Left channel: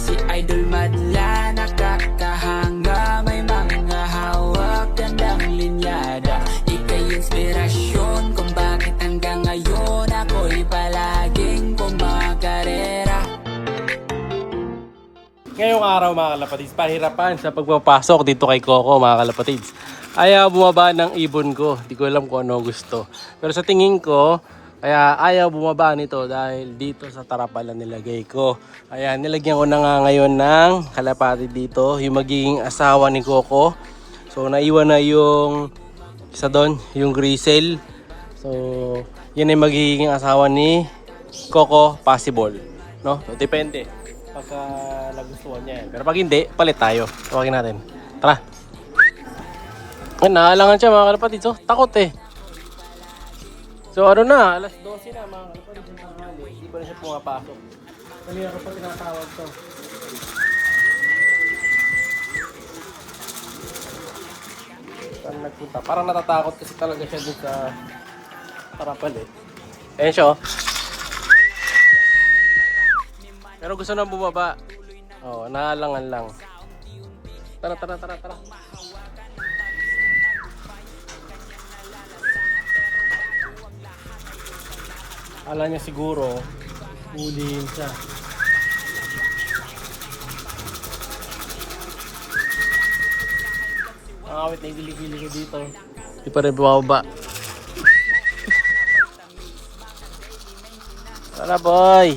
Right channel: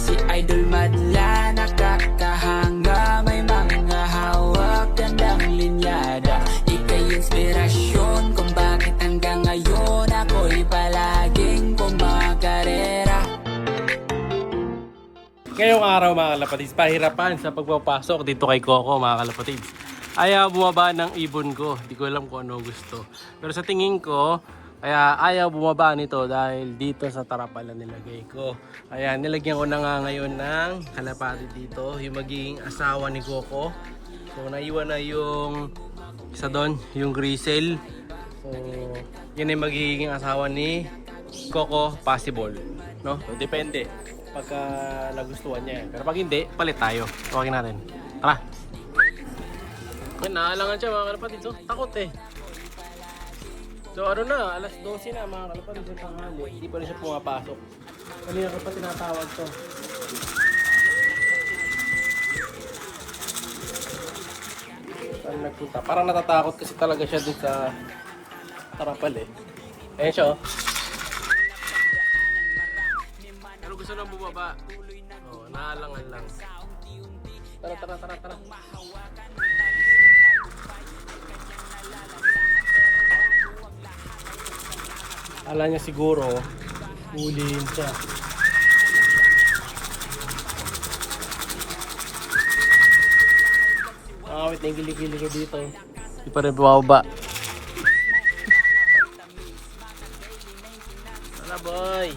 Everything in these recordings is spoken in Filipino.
si Idol madla, nakakahanga, may mga hawak, gandang linyada. Ika'y inspirasyon kung bakit hanggang ngayon ako'y palaging kumakarera. Ngayong araw mga kalapatids, pahirapan sa pagpapasok dito kay Coco mga kalapatids. Ayaw bumaba ng ibon ko, di ko alam kung ano gusto. Pero sa tingin ko, kaya ayaw bumaba nito dahil dito sa tarapalan nilagay ko. Kaya nilagyan ko na nga ngayon ng kalapatid dito, yung magiging asawa ni Coco. So naiwan na yung isa doon, yung Grisel. So yan ay magiging asawa ni Coco, possible, no? So depende pagka nagustuhan niya. Pero pag hindi, palit tayo. Tawagin natin. Tara. Ay, naalangan siya mga kalapatid. So, takot eh. So, ano na? Alas 12 na mga kalapatid. Yung tanghali. Hindi pa rin siya pumapasok. Kanina ko pa tinatawag to. Saan nagpunta? Parang natatakot kasi talaga siya dun sa tarapal eh. Ayan siya oh. Pero gusto nang bumaba. Oh, naalangan lang. Tara. Ala niya siguro, huliin siya. Awit na yung gili-gili ko dito. Hindi pa rin bumaba. Wala boy!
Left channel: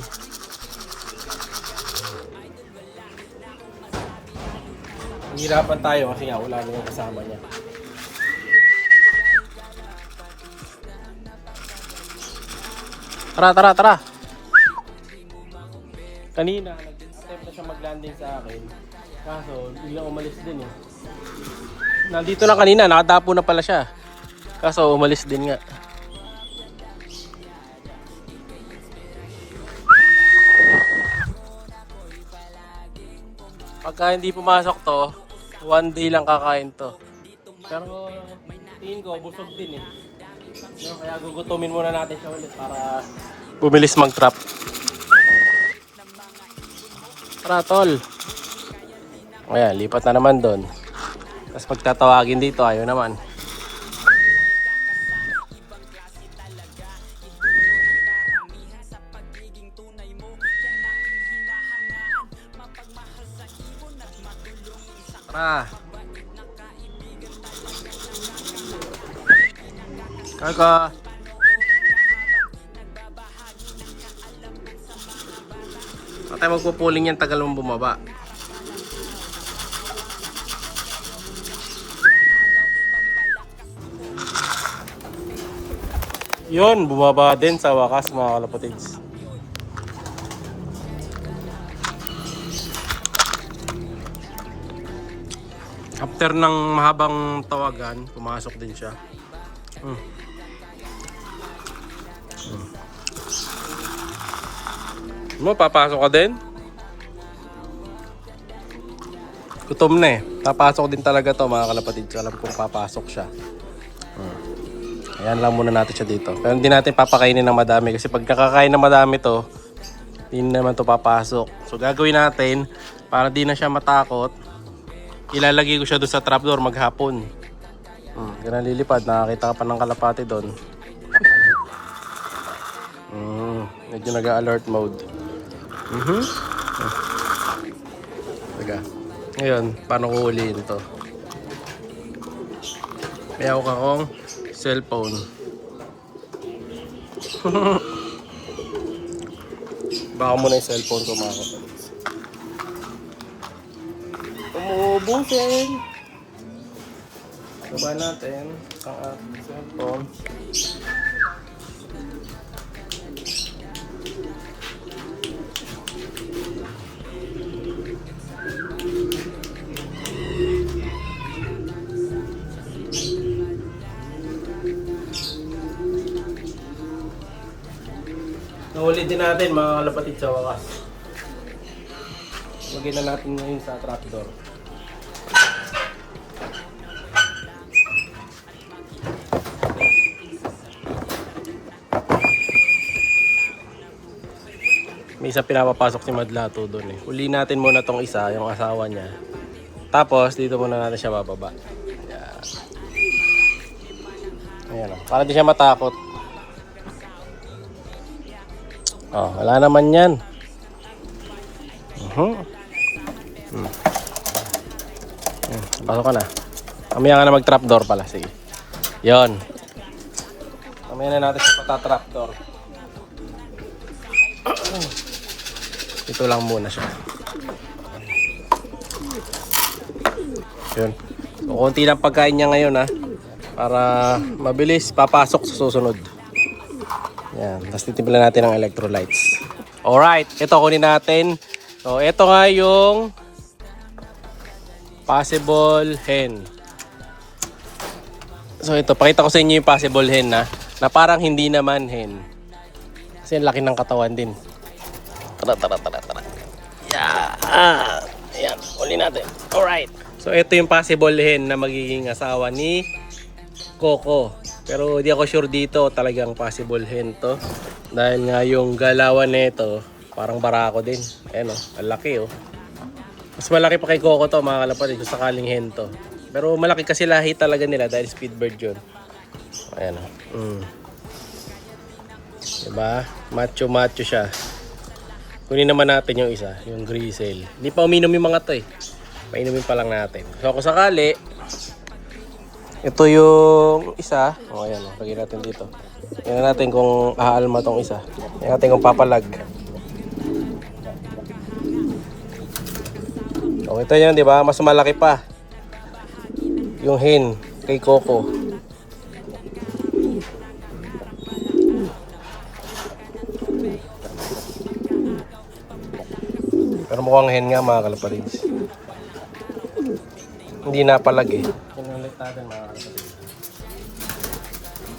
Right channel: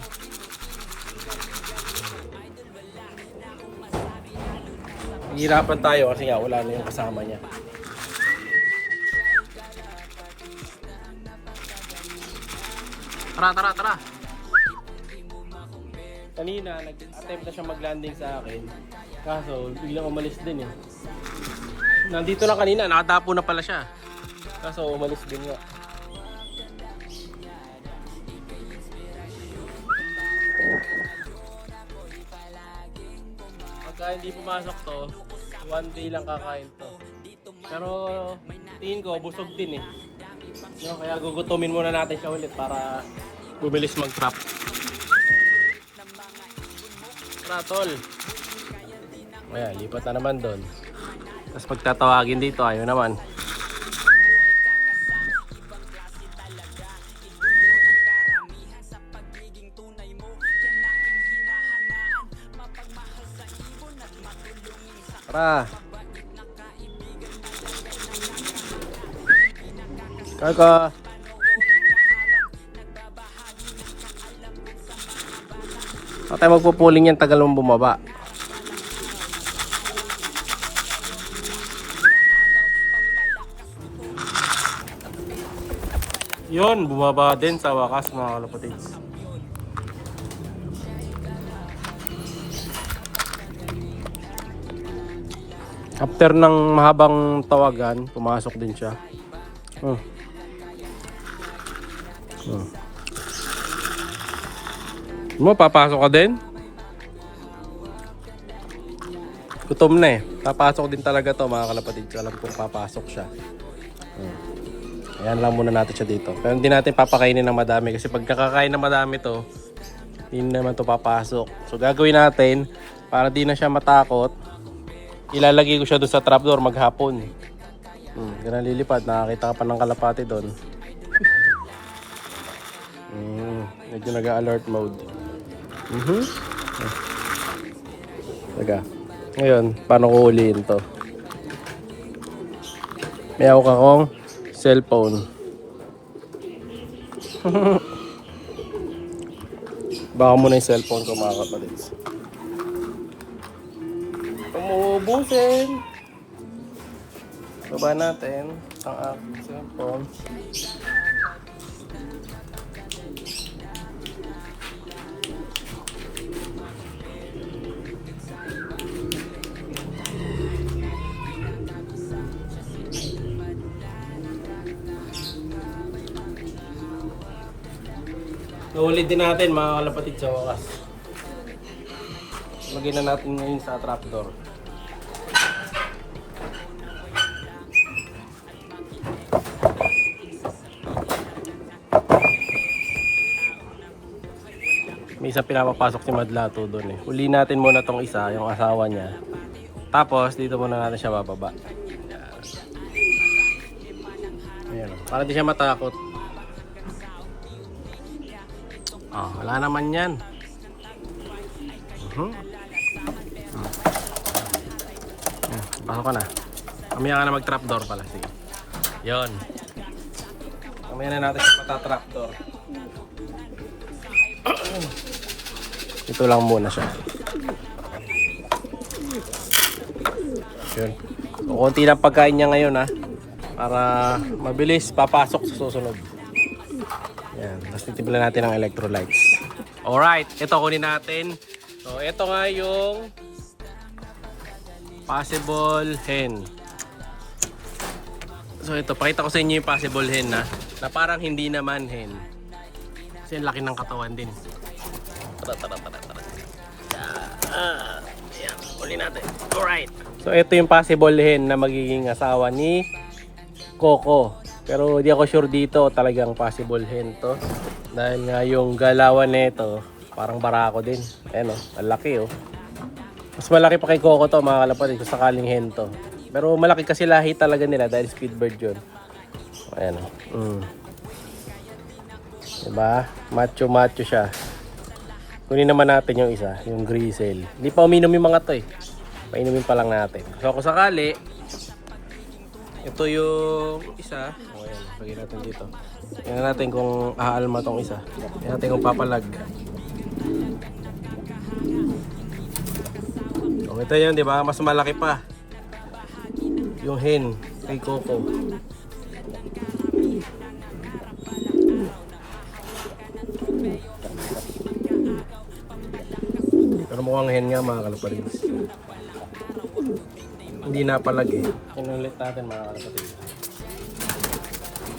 Hirapan tayo kasi nga wala na yung kasama niya. Tara. Kanina nag-attempt na siya mag-landing sa akin. Kaso biglang umalis din eh. Nandito na kanina, nakadapo na pala siya. Kaso umalis din nga. Pagka hindi pumasok to, one day lang kakain to. Pero tingin ko busog din eh. No, kaya gugutumin muna natin siya ulit para bumilis mag-trap. Tara tol. Ayan, lipat na naman doon. Tapos pagtatawagin dito, ayaw naman. Tara. Kaka. Saan tayo magpupuling yan, tagal mong bumaba. Yun, bumaba din sa wakas mga kalapatids. After ng mahabang tawagan, pumasok din siya. Mo, papasok ka din? Gutom na eh. Papasok din talaga to mga kalapatid. Alam kong papasok siya. Ayan lang muna natin siya dito. Pero hindi natin papakainin ng madami. Kasi pag nakakain ng madami to, hindi naman to papasok. So gagawin natin, para di na siya matakot, ilalagay ko siya doon sa trapdoor maghapon. Ganun lilipad. Nakakita ka pa ng kalapati doon. Medyo nag-alert mode. Teka. Ngayon, paano ko huliin to? May ako akong cellphone. Baka muna yung cellphone ko mga kapatid. Umuubusin. Baba natin ang aking cellphone. Nahuli din natin mga kalapatid sa wakas. Lagyan na natin ngayon sa trapdoor. May isang pinapapasok si Madlato doon eh. Uli natin muna tong isa, yung asawa niya. Tapos dito muna natin siya bababa. Ayan o. Para di siya matakot. Oh, wala naman yan. Pasok ka na. Mamaya ka na mag-trapdoor pala. Sige. Yon. Mamaya na natin siya pata-trapdoor. Ito lang muna siya. Yun. So, konti lang pagkain niya ngayon ha. Para mabilis papasok sa susunod. Yan. Tapos titimpla natin ang electrolytes. Alright. Ito kunin natin. So, ito nga yung possible hen. So, ito. Pakita ko sa inyo yung possible hen na parang hindi naman hen. Kasi laki ng katawan din. Tara. Yan. Uli natin. Alright. So, ito yung possible hen na magiging asawa ni Coco. Pero di ako sure dito talagang possible hen to. Dahil nga yung galawan nito parang barako din. Ayan o. Ang laki o. Mas malaki pa kay Coco to mga kalapatid kung sakaling hen to. Pero malaki kasi lahi talaga nila dahil speedbird yun. Ayan o. Diba? Macho siya. Kunin naman natin yung isa, yung grizzle. Hindi pa uminom yung mga to eh. Painumin pa lang natin. So kung sakali, ito yung isa. O ayan, lagyan natin dito. Tingnan natin kung aalma tong isa. Tingnan natin kung papalag. O ito yun, di ba? Mas malaki pa yung hen kay Coco. Pero mukhang hen nga mga kalapatids. Hindi napalag eh. Inulit natin mga kalapatids.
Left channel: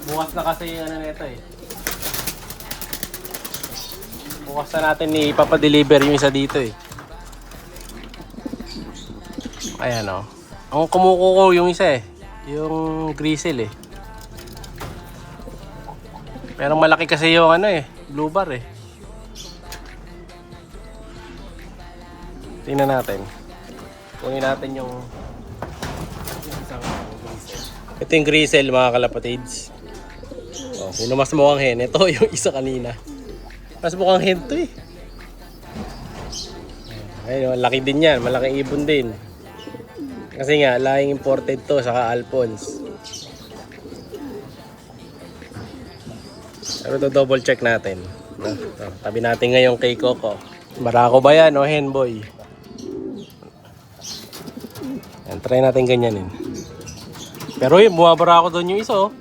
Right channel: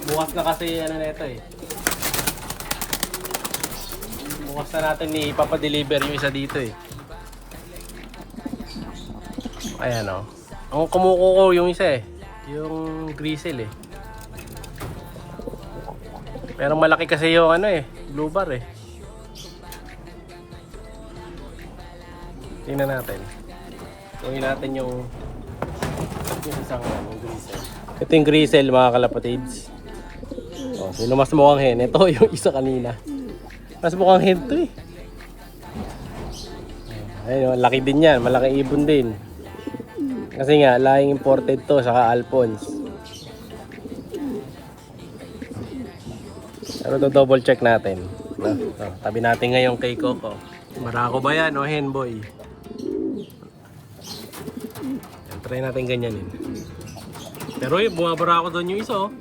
Bukas na kasi ano na ito eh. Bukas na natin ipapadeliver yung isa dito eh. Ayan o. Ang kumukuko yung isa eh. Yung grizzle eh. Pero malaki kasi yung ano eh. Blue bar eh. Tingnan natin. Gawin natin yung isang grizzle. Ito yung grizzle mga kalapatids. O, sino mas mukhang hen? Ito yung isa kanina. Mas mukhang hen to eh. Ayun, laki din yan. Malaking ibon din. Kasi nga, lahing imported to, saka Alphonse. Pero to double check natin. Tabi natin ngayon kay Coco. Barako ba yan o hen boy? Try natin ganyanin. Pero yun, bumabara ako doon yung isa oh.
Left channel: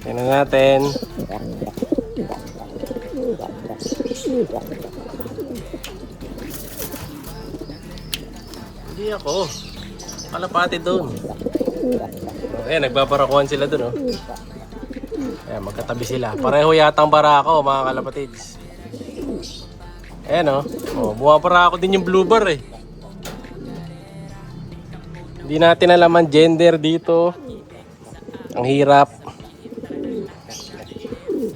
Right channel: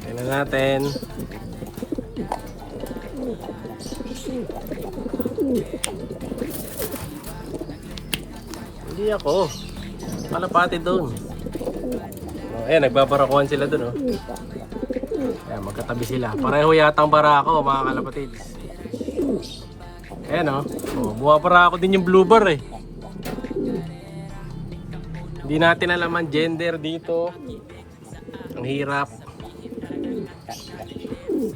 Tingnan natin. Hindi ako. Kalapati doon. Oh, ayan, nagbabarakuhan sila doon oh. Ayan, magkatabi sila. Pareho yata ang barako mga kalapatids. Ayan o. Bumabarako din yung blue bar eh. Hindi natin alam ang gender dito. Ang hirap.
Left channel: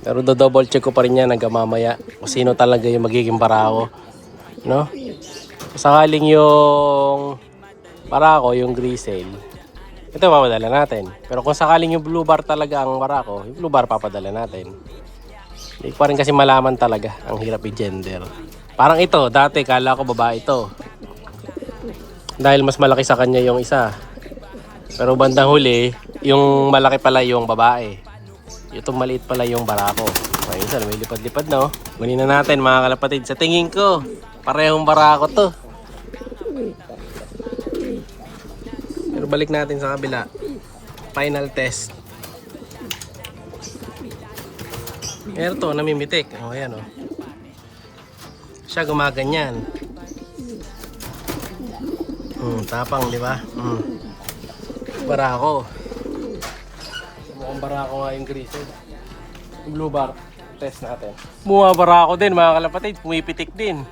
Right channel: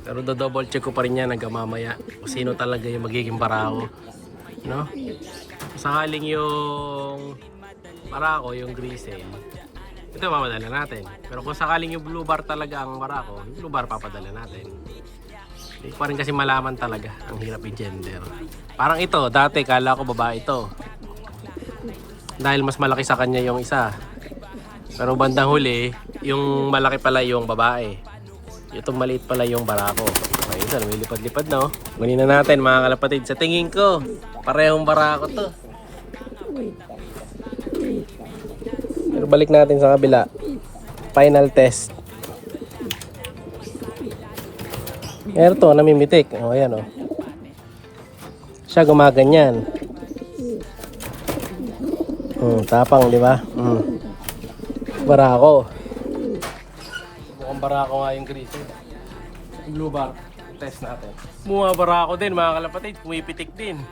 Pero do-double check ko pa rin yan hanggang mamaya kung sino talaga yung magiging barako. No? Sakaling yung barako, yung grizzle, ito papadala natin. Pero kung sakaling yung blue bar talaga ang barako, yung blue bar papadala natin. Hindi pa rin kasi malaman talaga. Ang hirap i-gender. Parang ito, dati kala ko babae ito. Dahil mas malaki sa kanya yung isa. Pero bandang huli, yung malaki pala yung babae. Itong maliit pala yung barako. Ay, isa, may lipad-lipad na oh. Kunin na natin mga kalapatid. Sa tingin ko, parehong barako to. Pero balik natin sa kabila. Final test. Ito, namimitik. O, ayan o. Siya gumaganyan. Tapang, di ba? Barako. Mukhang barako nga yung grizzle. Yung blue bar. Test natin. Mukhang barako din mga kalapatid. Pumipitik din.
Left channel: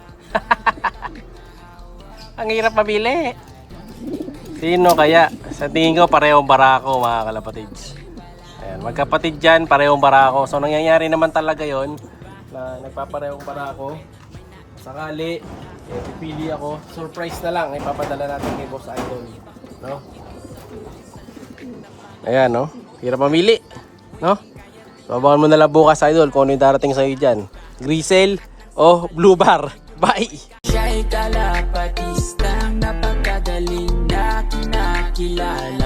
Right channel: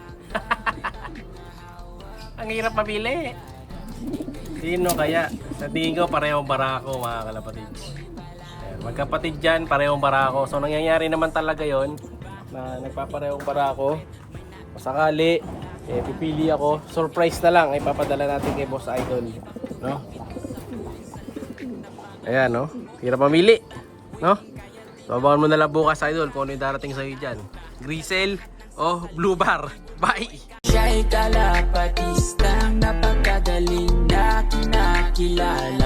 Ang hirap mabili. Sino kaya? Sa tingin ko, parehong barako mga kalapatids. Ayan, magkapatid dyan, parehong barako. So, nangyayari naman talaga yon na nagpaparehong barako. Sakali, pipili ako. Surprise na lang, ipapadala natin kay Boss Idol. No? Ayan, no? Hirap mamili. No? So, abangan mo na lang bukas, Idol, kung ano yung darating sa'yo dyan. Grisel o Blue Bar. Bye! Siya'y kalapatistang napakagaling na kinakilala.